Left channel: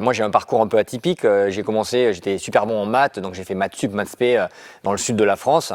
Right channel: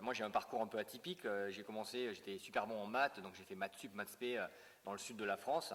Moi, j'ai un parcours un peu atypique. J'ai commencé, j'étais super bon en maths, donc j'ai fait maths sup, maths spé dans le sud de la France.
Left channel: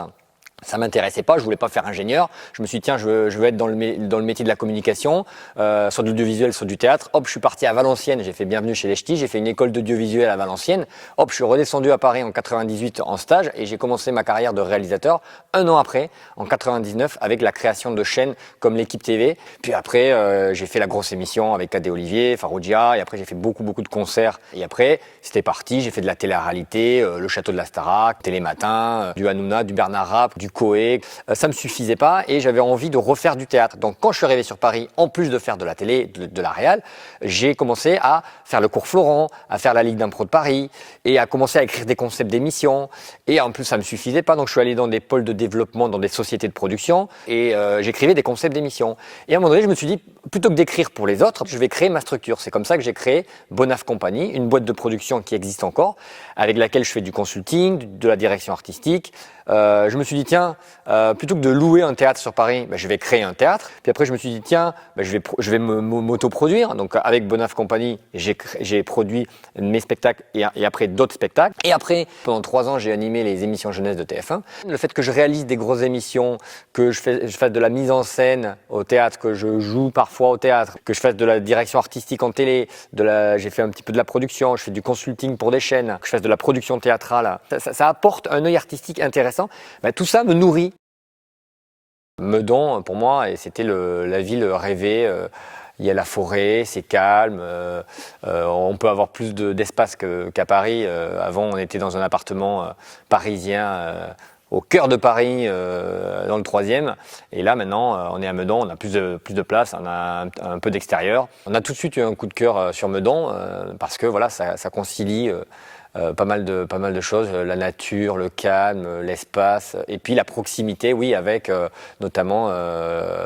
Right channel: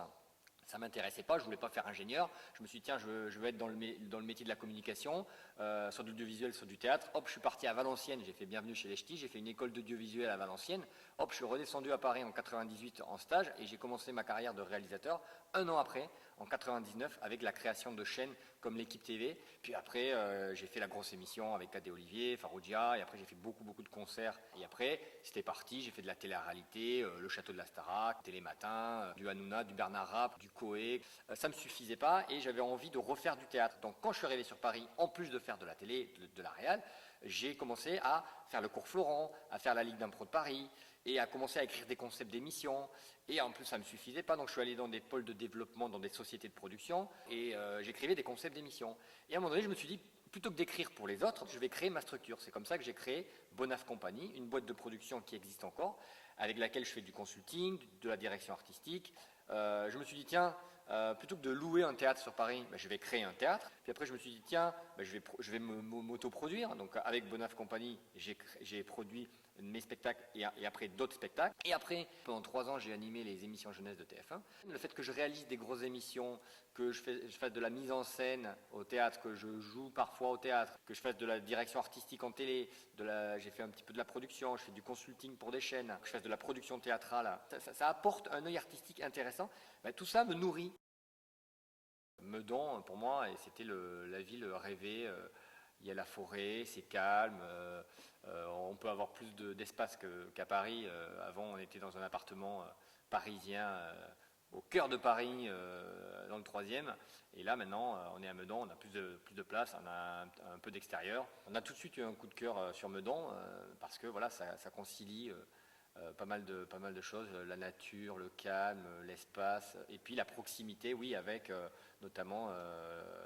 Ça m'intéressait pas, je voulais pas faire ingénieur. Je me suis dit, tiens, je veux être dans le métier de la communication, soit de l'audiovisuel, soit du théâtre. Hop, je suis parti à Valenciennes, j'ai fait Bienvenue chez les Ch'tis, j'ai fait une école d'audiovisuel à Valenciennes. Hop, je suis redescendu à Paris en 98 en stage et j'ai commencé ma carrière de réalisateur un an après, en 99, avec la création de chaînes comme l'Équipe TV. Puis après, j'ai fait la grosse émission avec Cadet Olivier, Faroudia, et après j'ai fait beaucoup de concerts. Et après, c'était parti, j'ai fait de la télé-réalité, le Château de la Starac, Télématin, du Hanouna, du Bernard Rapp, du Coé. Ça me suffisait pas et j'avais envie de refaire du théâtre. Donc quand je suis arrivé sur Paris, en plus de faire de la télé, de la réal, j'ai commencé à faire le cours Florent, à faire la Ligue d'impro de Paris et à commencer à écrire des concepts d'émissions. Et en plus, ça me suffisait pas, donc je suis allé dans des pôles de développement, dans des sociétés de production et j'écrivais des concepts d'émissions. Et à un moment donné, je me suis dit, plutôt que d'écrire pour les autres, je vais créer ma structure. C'est comme ça que j'ai créé Bonaf Company, une boîte de production qui existe encore, avec laquelle je fais du consulting, de la direction artistique. Je me suis dit, tiens, plutôt que de louer un théâtre sur Paris, je vais créer un théâtre. Puis après, je me suis dit, tiens, je vais m'autoproduire. Donc avec Bonaf Company, j'ai produit mes spectacles et après d'autres spectacles. Et après, pendant 3 ans, j'ai animé les émissions jeunesse de TF1. Le fait que je réalise des grosses émissions, que je fasse de la mise en scène au théâtre, que je joue parfois au théâtre, que je fasse de la direction artistique en télé, j'ai fait un petit peu de la production, je fais du consulting pour des chaînes, que je fasse de la production théâtrale. Ça apporte un œil artistique intéressant. Tout ça me nourrit. Meudon, pour moi, et c'était la ville rêvée. Il y a la forêt, c'est calme. On peut avoir plus d'espace qu'à Paris. Avant, on était dans un appartement parisien au cœur de Paris, dans le 3e. Et là, maintenant, on est à Meudon, on a plus de place, on a un peu d'extérieur. On a tout de suite eu un coup de cœur sur Meudon parce que voilà, ça concilie pas mal de choses, la nature, le calme, l'espace, et puis la proximité, oui, avec notamment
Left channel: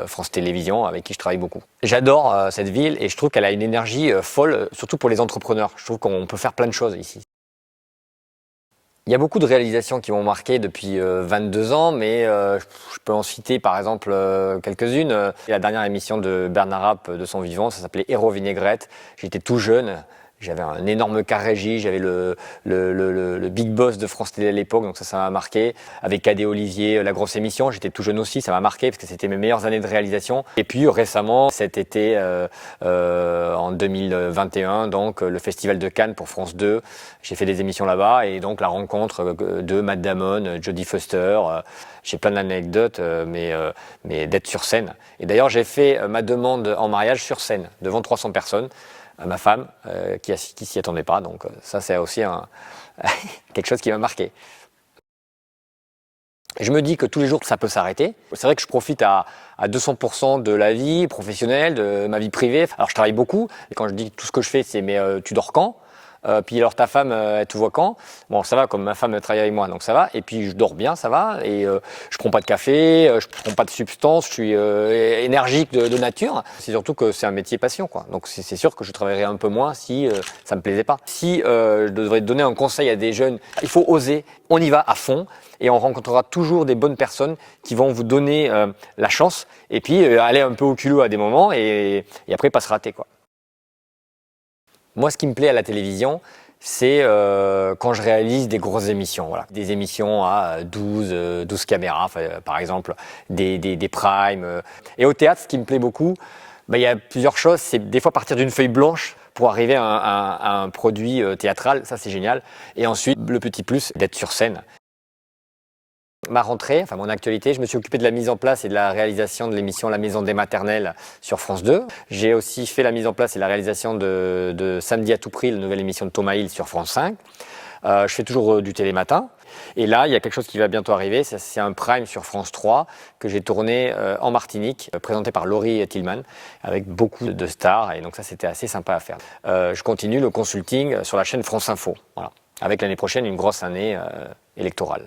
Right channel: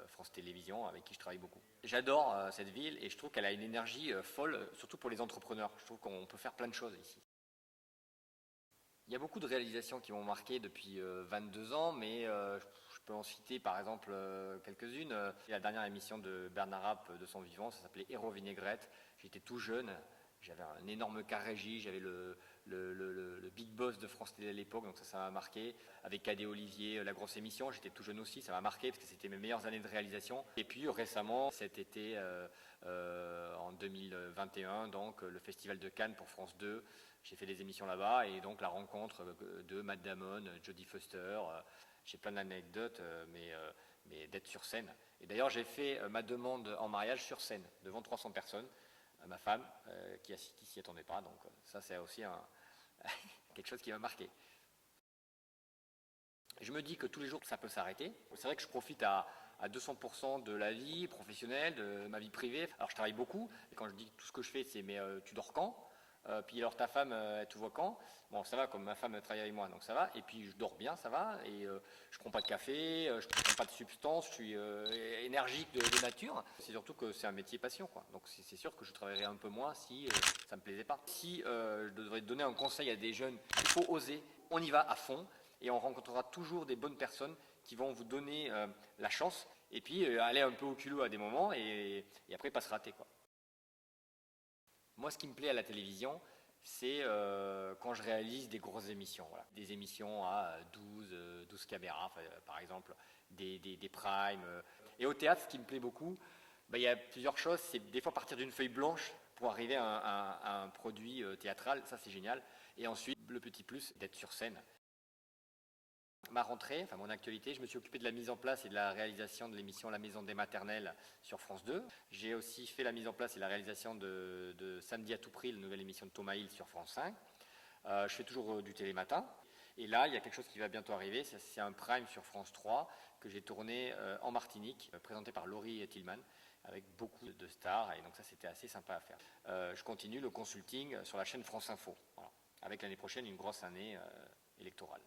France Télévisions, avec qui je travaille beaucoup. J'adore cette ville et je trouve qu'elle a une énergie folle, surtout pour les entrepreneurs. Je trouve qu'on peut faire plein de choses ici. Il y a beaucoup de réalisations qui m'ont marqué depuis 22 ans, mais je peux en citer par exemple quelques-unes. La dernière émission de Bernard Rapp de son vivant, ça s'appelait Héros Vinaigrette. J'étais tout jeune. J'avais un énorme car régie, j'avais le big boss de France Télé à l'époque, donc ça m'a marqué. Avec Cadet Olivier, la grosse émission, j'étais tout jeune aussi, ça m'a marqué parce que c'était mes meilleures années de réalisation. Et puis récemment, cet été, en 2021, donc le Festival de Cannes pour France 2, j'ai fait des émissions là-bas et donc la rencontre de Matt Damon, Jodie Foster. J'ai plein d'anecdotes, mais d'être sur scène. Et d'ailleurs, j'ai fait ma demande en mariage sur scène, devant 300 personnes. Ma femme, qui s'y attendait pas. Donc ça, c'est aussi quelque chose qui m'a marqué. Je me dis que tous les jours, ça peut s'arrêter. C'est vrai que je profite à 200% de la vie professionnelle, de ma vie privée. Alors, je travaille beaucoup. Et quand je dis tout ce que je fais, c'est « mais tu dors quand ?» Puis alors ta femme, elle te voit quand? Bon, ça va, comme ma femme travaille avec moi, donc ça va. Et puis je dors bien, ça va. Et je prends pas de café, je prends pas de substance, je suis énergique de nature. C'est surtout que c'est un métier passion, quoi. Donc c'est sûr que je travaillerais un peu moins si ça me plaisait pas. Si je devrais donner un conseil à des jeunes, il faut oser, on y va à fond. Et on rencontrera toujours des bonnes personnes qui vont vous donner la chance. Et puis aller un peu au culot à des moments et après pas se rater, quoi. Moi, ce qui me plaît à la télévision, c'est quand je réalise des grosses émissions. Voilà. Des émissions à 12 caméras, par exemple, des primes. Et au théâtre, ce qui me plaît beaucoup, il y a plusieurs choses. C'est des fois partir d'une feuille blanche pour arriver à un produit théâtral. Ça, c'est génial. Et ensuite, le petit plus, d'être sur scène. Ma rentrée, enfin mon actualité, je me suis occupé de la mise en place et de la réalisation de l'émission La Maison des Maternelles sur France 2. J'ai aussi fait la mise en place et la réalisation de Samedi à tout prix, la nouvelle émission de Thomas Hill sur France 5. Je fais toujours du télématin. Et là, il y a quelque chose qui va bientôt arriver, c'est un prime sur France 3 que j'ai tourné en Martinique, présenté par Laurie Tillman, avec beaucoup de stars. Et donc ça, c'était assez sympa à faire. Je continue le consulting sur la chaîne France Info, voilà, avec l'année prochaine une grosse année électorale.